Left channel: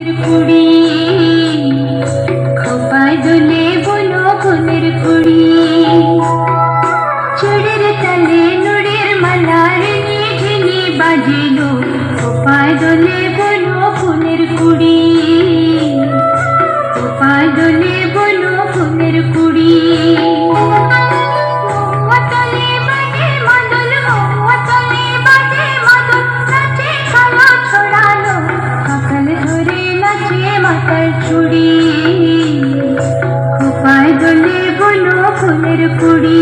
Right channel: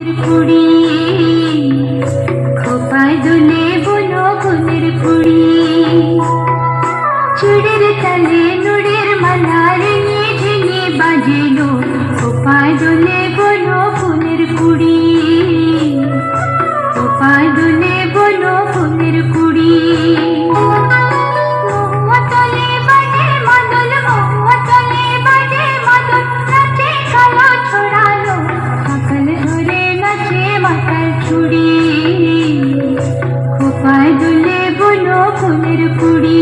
পুড়ি খোপায় দোলে বনো ফুলের পুড়ি চুড়ির তালে নুড়ের মালার নিঝিনি বাজিল খোপায় দোলে বনো ফুলের পুড়ি খোপায় দোলে বনো ফুলের পুড়ি খোপায় দোলে বনো ফুলের পুড়ি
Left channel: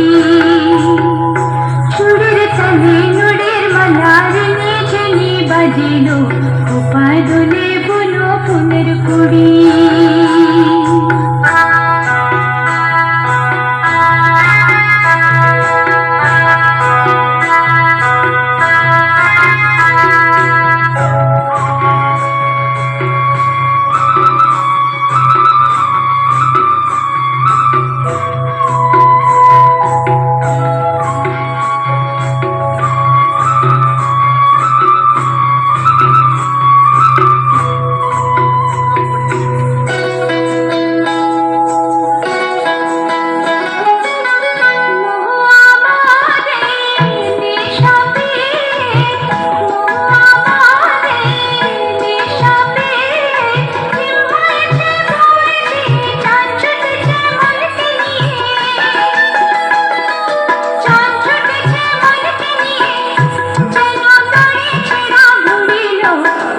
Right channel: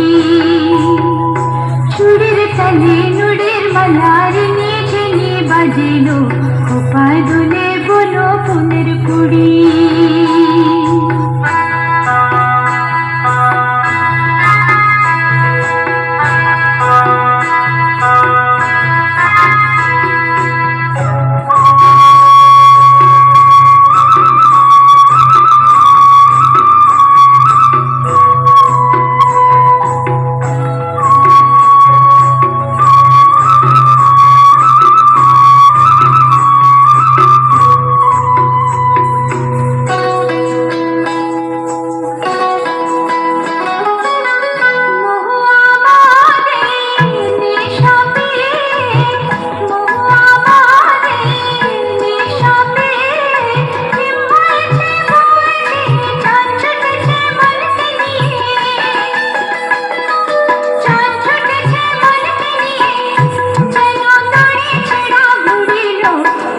চুড়ির তালে নুড়ের মালার নিঝিনি বাজিল খোপায় দোলে বনো ফুলের পুড়ি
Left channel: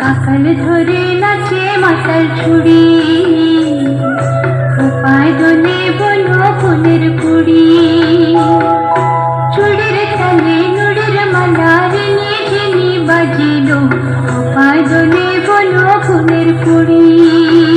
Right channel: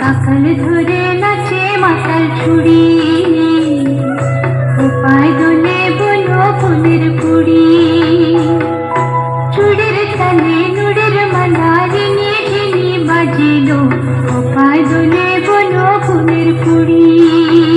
কাকাল ধরে নাচে মাতাল ছুড়ি খোপায় দোলে বনো ফুলের পুড়ি চুড়ির তালে নুড়ের মালার নিঝিনি বাজিল খোপায় দোলে বনো ফুলের পুড়ি।